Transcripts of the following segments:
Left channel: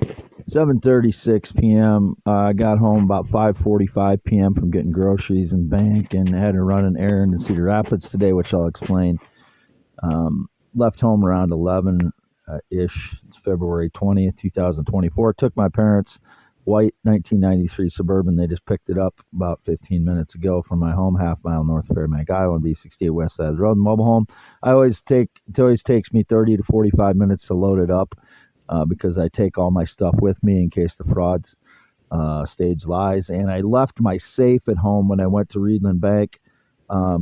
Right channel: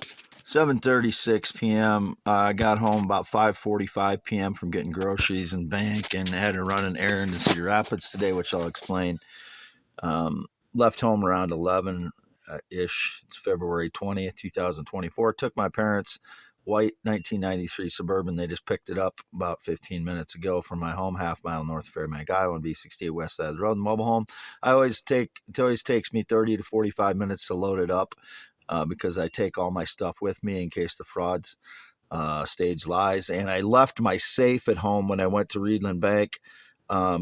7:36 p.m. I got home about 5:45 p.m. from getting groceries and bank, and had to run an errand in Cedar Rapids today, which I'll explain. Left home around 11 ish. It's February 20th, 2024. Took my parents' white 1993 Suburban. They just picked it up about 15 minutes ago from my home, half mile north of Fairbank, Iowa, on B68 west side of the road. Mobile home. It always takes me 30 to 45 minutes to load it up. Because I take all my stuff with me in case the frauds stage lies. And I left my safe at home when I went to Reedland Bank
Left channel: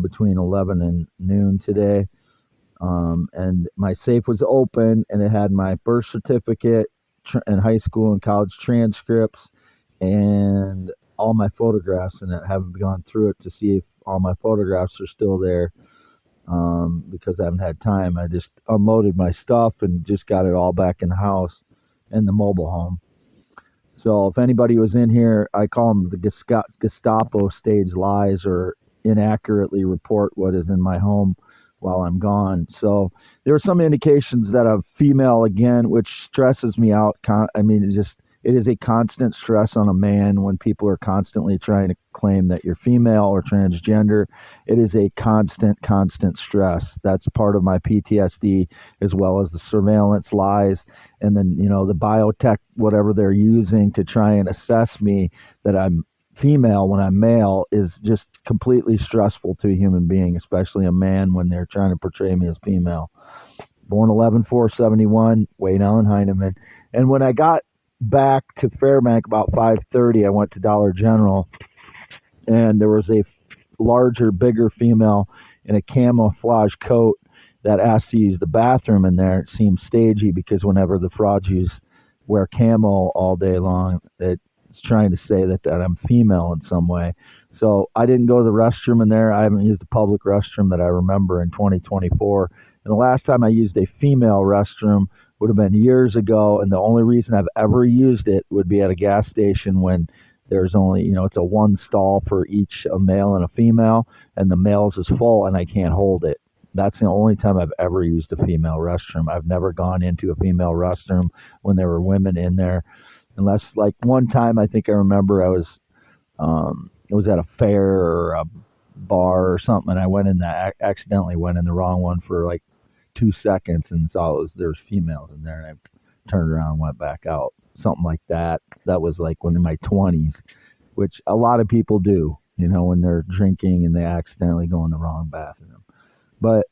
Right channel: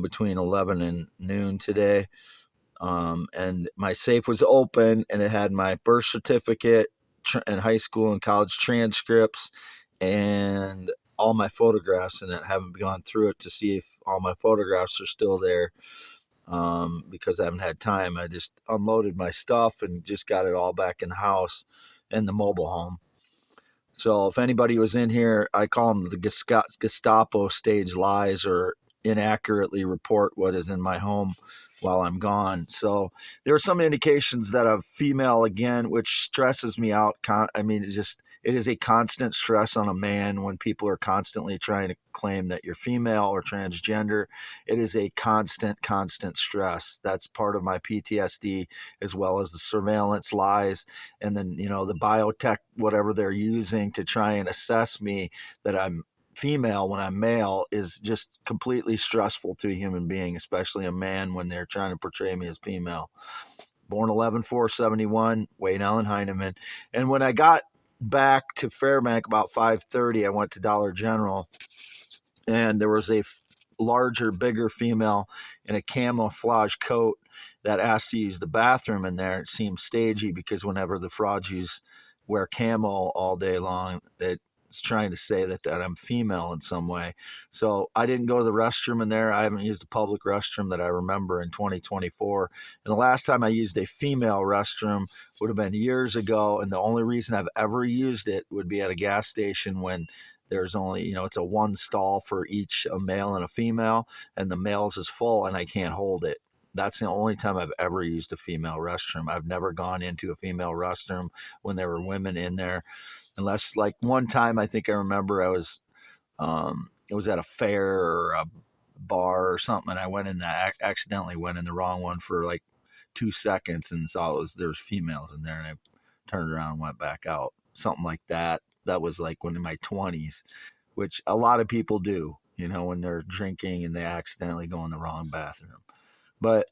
between 11 and noon today. And my safe was open, and it had my birth certificate and high school and college transcripts and all my photographs in it. I haven't gone through it to see if all my photographs are still there. Because I haven't had time. I just unloaded my stuff and just got it all back in the house in the mobile home. So if anybody was in here, I call them the Gestapo stage lies or inaccurately report what is in my home while I'm gone. So there were some indications that I'm female again, which stresses me out. It is a constant stress on a man when people are constantly trying to claim that you're female or transgender. It is a constant stress. That's part of my PTSD, as well as the surveillance lies. And then, the biotech, whatever they're using to try and assess me that I'm female when I'm male, is just completely stressful to a human being, especially a man, when they're trying to portray me as female. Born 11/4/71, Wade Allen Heineman. And when I got back to Fairbank about 5:30, I went to Dollar General, and there was a larger, bigger female in a camouflage coat that asked to use the bathroom in there. It seemed stagey because whenever the frauds wear camo all day long, it's trying to say that I'm female in some way. So I didn't go to the restroom in there. I haven't used a public restroom that I remember in 2024. And the last time I used a female restroom would have been years ago. And the only reason I've ever used it would be at a gas station when there's only, it's a one stall for each, a male and a female, and the male's is full and I can't hold it. That's the only time I've ever used a female restroom. I've never gone into a female restroom when there were women in there. Unless, like, one time I think I remember I was at a fair or a bar or something, and I accidentally went in the wrong one for like 2 seconds and saw there was females in there, and I turned around and went back out. Something like that. That was like when in my 20s, which a lot of people do, when they're drinking and they accidentally go in the wrong bathroom. But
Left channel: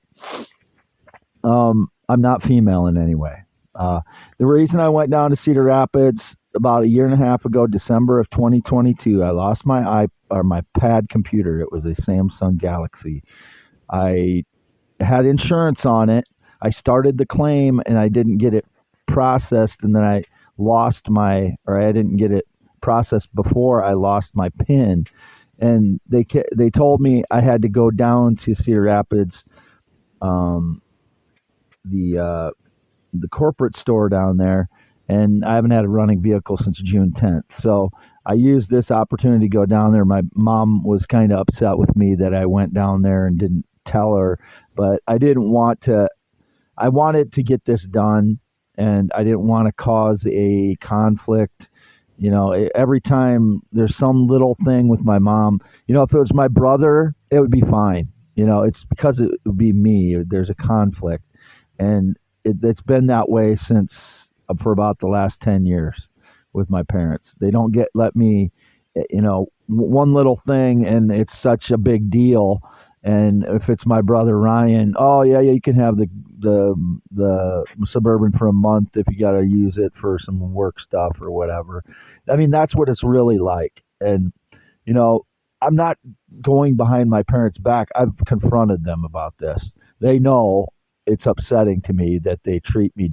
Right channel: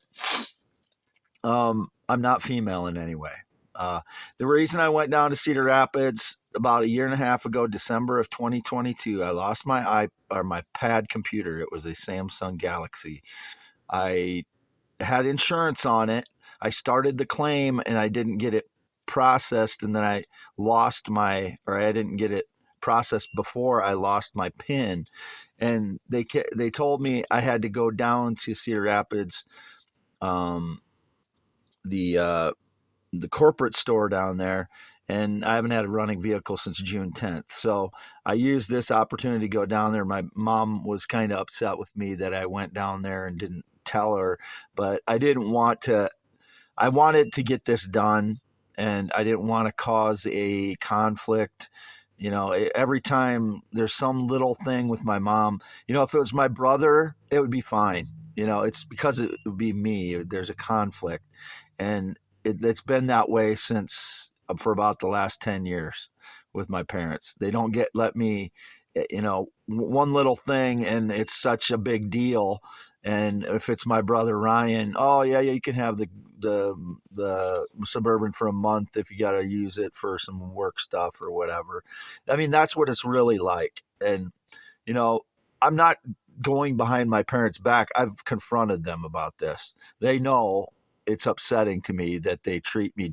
I'm not female in any way. The reason I went down to Cedar Rapids about a year and a half ago, December of 2022, I lost my pad computer. It was a Samsung Galaxy. I had insurance on it. I started the claim and I didn't get it processed, and then I didn't get it processed before I lost my PIN. And they told me I had to go down to Cedar Rapids, the corporate store down there, and I haven't had a running vehicle since June 10th. So I used this opportunity to go down there. My mom was kind of upset with me that I went down there and didn't tell her, but I didn't want to. I wanted to get this done, and I didn't want to cause a conflict. Every time there's some little thing with my mom, if it was my brother, it would be fine. It's because it would be me. There's a conflict, and it's been that way for about the last 10 years with my parents. They don't let me, one little thing, and it's such a big deal. And if it's my brother Ryan, oh yeah, you can have the Suburban for a month if you got to use it for some work stuff or whatever. I mean, that's what it's really like. And I'm not going behind my parents' back. I've confronted them about this. They know it's upsetting to me that they treat me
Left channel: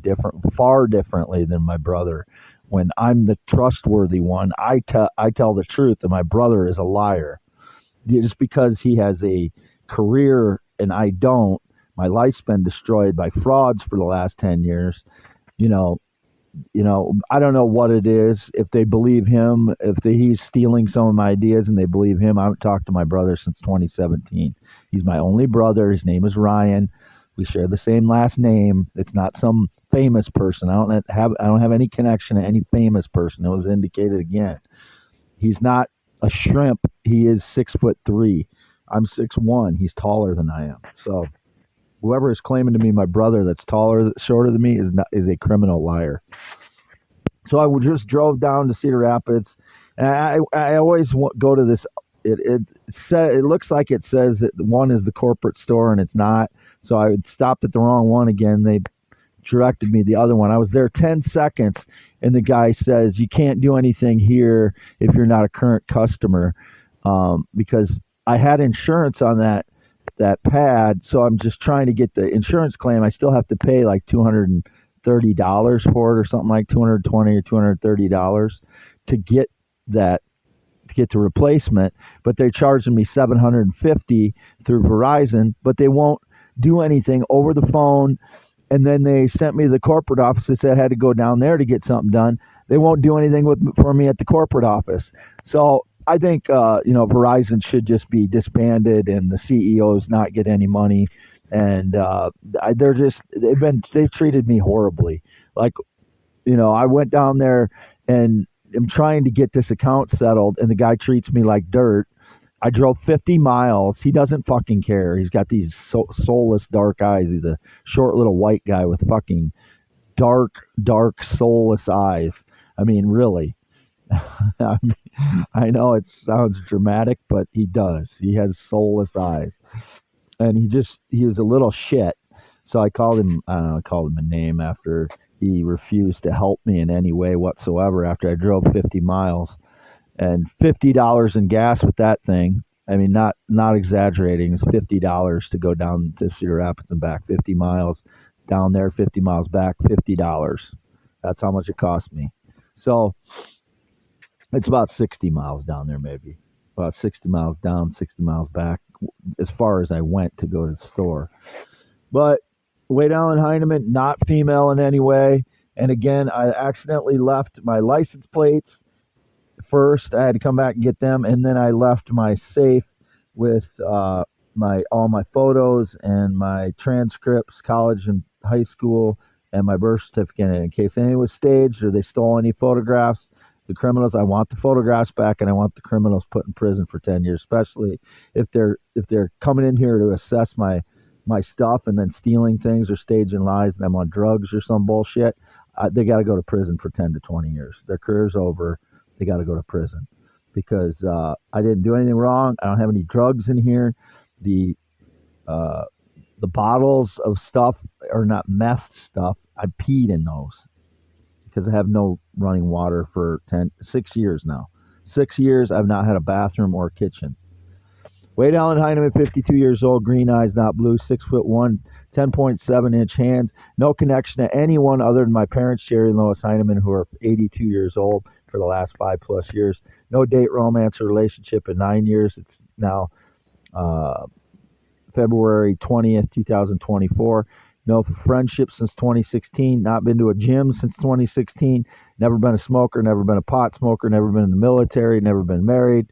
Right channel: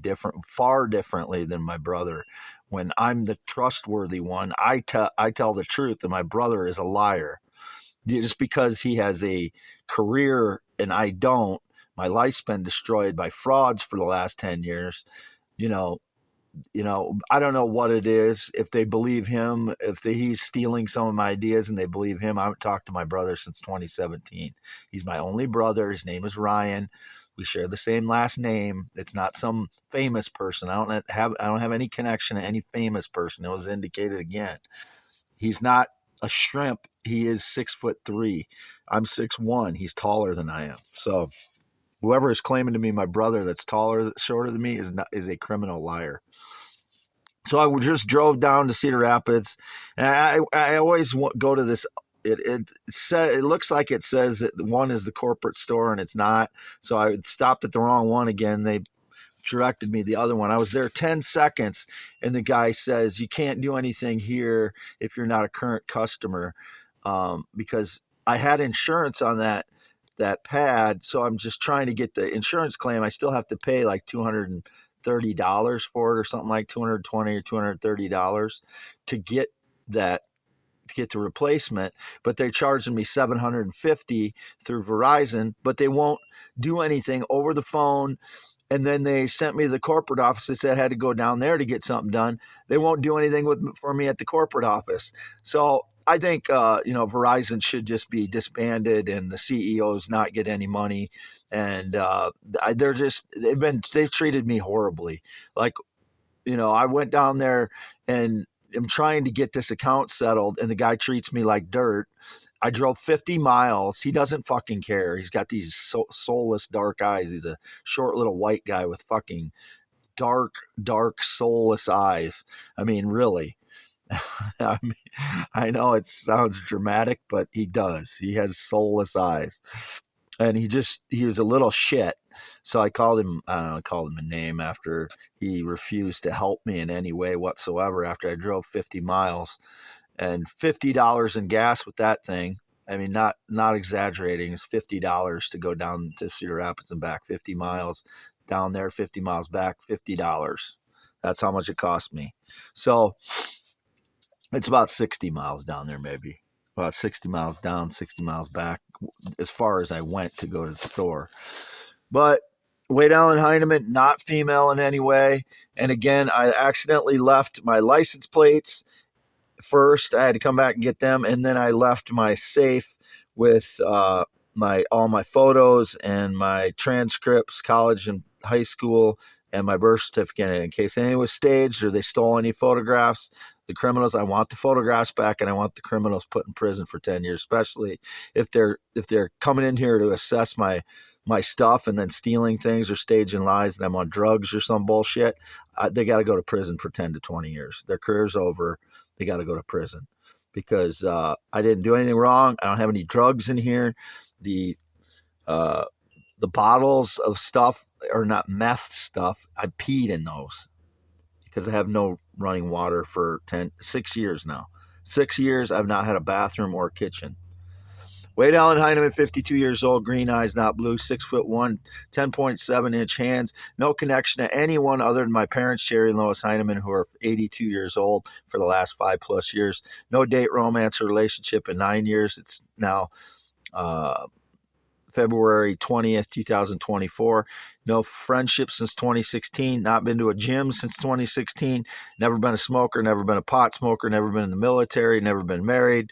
far differently than my brother. When I'm the trustworthy one, I tell the truth, and my brother is a liar. Just because he has a career and I don't, my life's been destroyed by frauds for the last 10 years. I don't know what it is. If they believe him, he's stealing some of my ideas and they believe him. I haven't talked to my brother since 2017. He's my only brother. His name is Ryan. We share the same last name. It's not some famous person. I don't have any connection to any famous person. It was indicated again. He's not a shrimp. He is 6'3". I'm 6'1". He's taller than I am. So whoever is claiming to be my brother that's shorter than me is a criminal liar. So I just drove down to Cedar Rapids, and I always go to this. It looks like it says that one is the corporate store, and it's not. So I stopped at the wrong one again. They directed me the other one. I was there 10 seconds, and the guy says, you can't do anything here if you're not a current customer, because I had insurance on that pad. So I'm just trying to get the insurance claim. I still have to pay like $230 for it or something, like $220 or $230 to get that, to get the replacement, but they're charging me $750 through Verizon, but they won't do anything over the phone. And then they sent me to the corporate office. They said I had to go down there to get something done. They won't do anything for me at the corporate office. So I think Verizon should just be disbanded, and the CEOs not get any money. And they've treated me horribly. Like, I went down there and I'm trying to get this account settled, and the guy treats me like dirt. I drove 50 miles. He doesn't fucking care. He's got these soulless dark eyes. He's a short little white guy with fucking dark soulless eyes. I mean, really. I know it sounds dramatic, but he does. He has soulless eyes. And he was a little shit. So I called him a name after he refused to help me in any way whatsoever after I drove 50 miles. And $50 in gas with that thing. I mean, not exaggerating. It's $50 to go down to Cedar Rapids and back. 50 miles down there, 50 miles back, $50. That's how much it cost me. So it's about 60 miles down there, maybe. About 60 miles down, 60 miles back, as far as I went to go to the store. But Wade Allen Heineman, not female in any way. And again, I accidentally left my license plates. First, I had to come back and get them, and then I left my safe with all my photos and my transcripts, college and high school, and my birth certificate in case anything was staged or they stole any photographs. The criminals, I want the photographs back, and I want the criminals put in prison for 10 years, especially if they're coming in here to assess my stuff and then stealing things or staging lies that I'm on drugs or some bullshit. They got to go to prison for 10 to 20 years. Their career's over. They got to go to prison because I didn't do anything wrong. I don't have any drugs in here. The bottles of stuff are not meth stuff. I peed in those because I have no running water for 6 years now. 6 years, I've not had a bathroom or kitchen. Wade Allen Heineman, 52 years old, green eyes, not blue, 6'1", 10.7-inch hands. No connection to anyone other than my parents, Jerry and Lois Heineman, who are 82 years old for the last 5+ years. No date, romance, or relationship in 9 years. It's now February 20th, 2024. No friendship since 2016. Not been to a gym since 2016. Never been a smoker. Never been a pot smoker. Never been in the military. Never been married.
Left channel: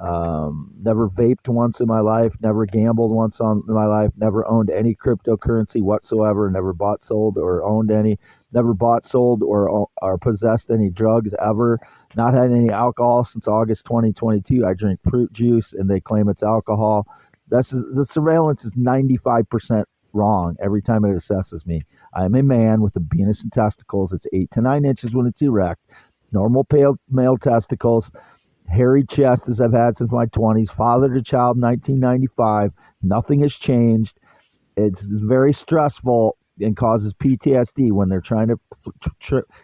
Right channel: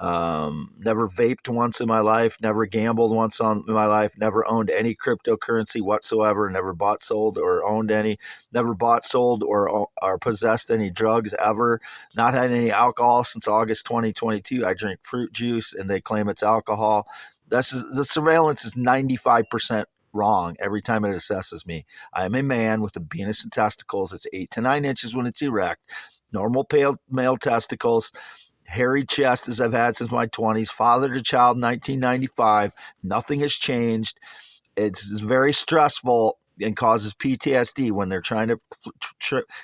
Never vaped once in my life, never gambled once in my life, never owned any cryptocurrency whatsoever, never bought, sold, or owned any, never bought, sold, or possessed any drugs ever, not had any alcohol since August 2022. I drink fruit juice and they claim it's alcohol. The surveillance is 95% wrong every time it assesses me. I am a man with a penis and testicles. It's 8 to 9 inches when it's erect. Normal pale male testicles. Hairy chest as I've had since my 20s, father to child 1995. Nothing has changed. It's very stressful and causes PTSD when they're trying to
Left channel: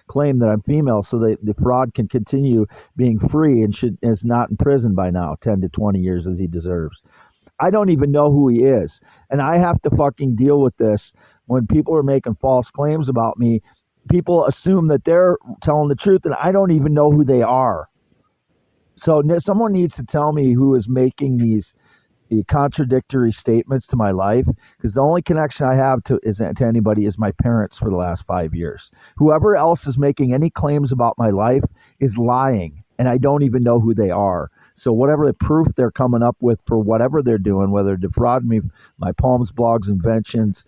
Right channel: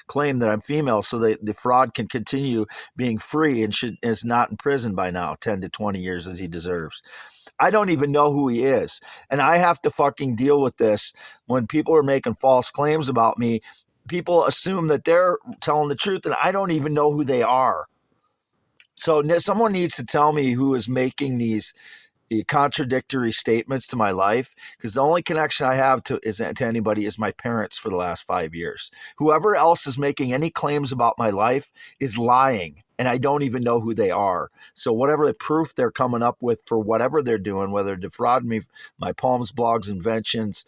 claim that I'm female so the fraud can continue being free and is not in prison by now, 10 to 20 years as he deserves. I don't even know who he is. And I have to fucking deal with this when people are making false claims about me. People assume that they're telling the truth and I don't even know who they are. So someone needs to tell me who is making these contradictory statements to my life, because the only connection I have to anybody is my parents for the last 5 years. Whoever else is making any claims about my life is lying, and I don't even know who they are. So whatever the proof they're coming up with for whatever they're doing, whether defraud me, my poems, blogs, inventions,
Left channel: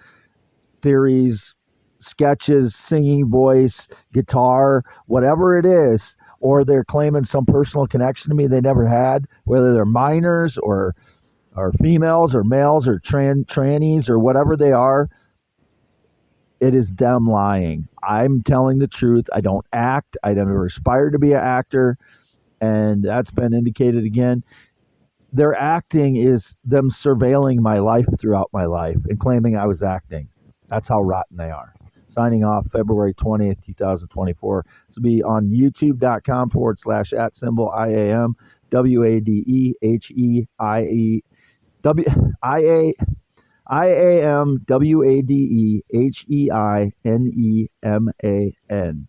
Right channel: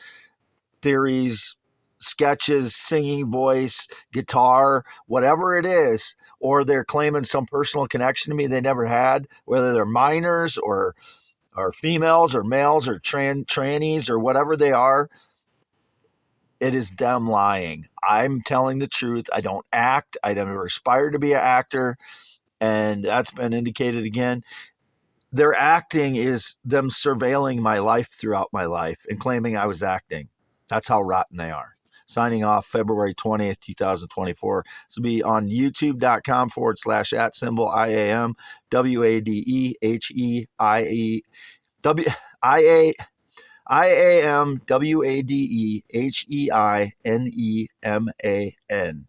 theories, sketches, singing voice, guitar, whatever it is, or they're claiming some personal connection to me they never had, whether they're minors or females or males or trannies or whatever they are, it is them lying. I'm telling the truth. I don't act. I never aspired to be an actor. And that's been indicated again. Their acting is them surveilling my life throughout my life and claiming I was acting. That's how rotten they are. Signing off February 20th, 2024. This will be on youtube.com/@IAM WADEHEIE WIAM WADEHEINEMAN.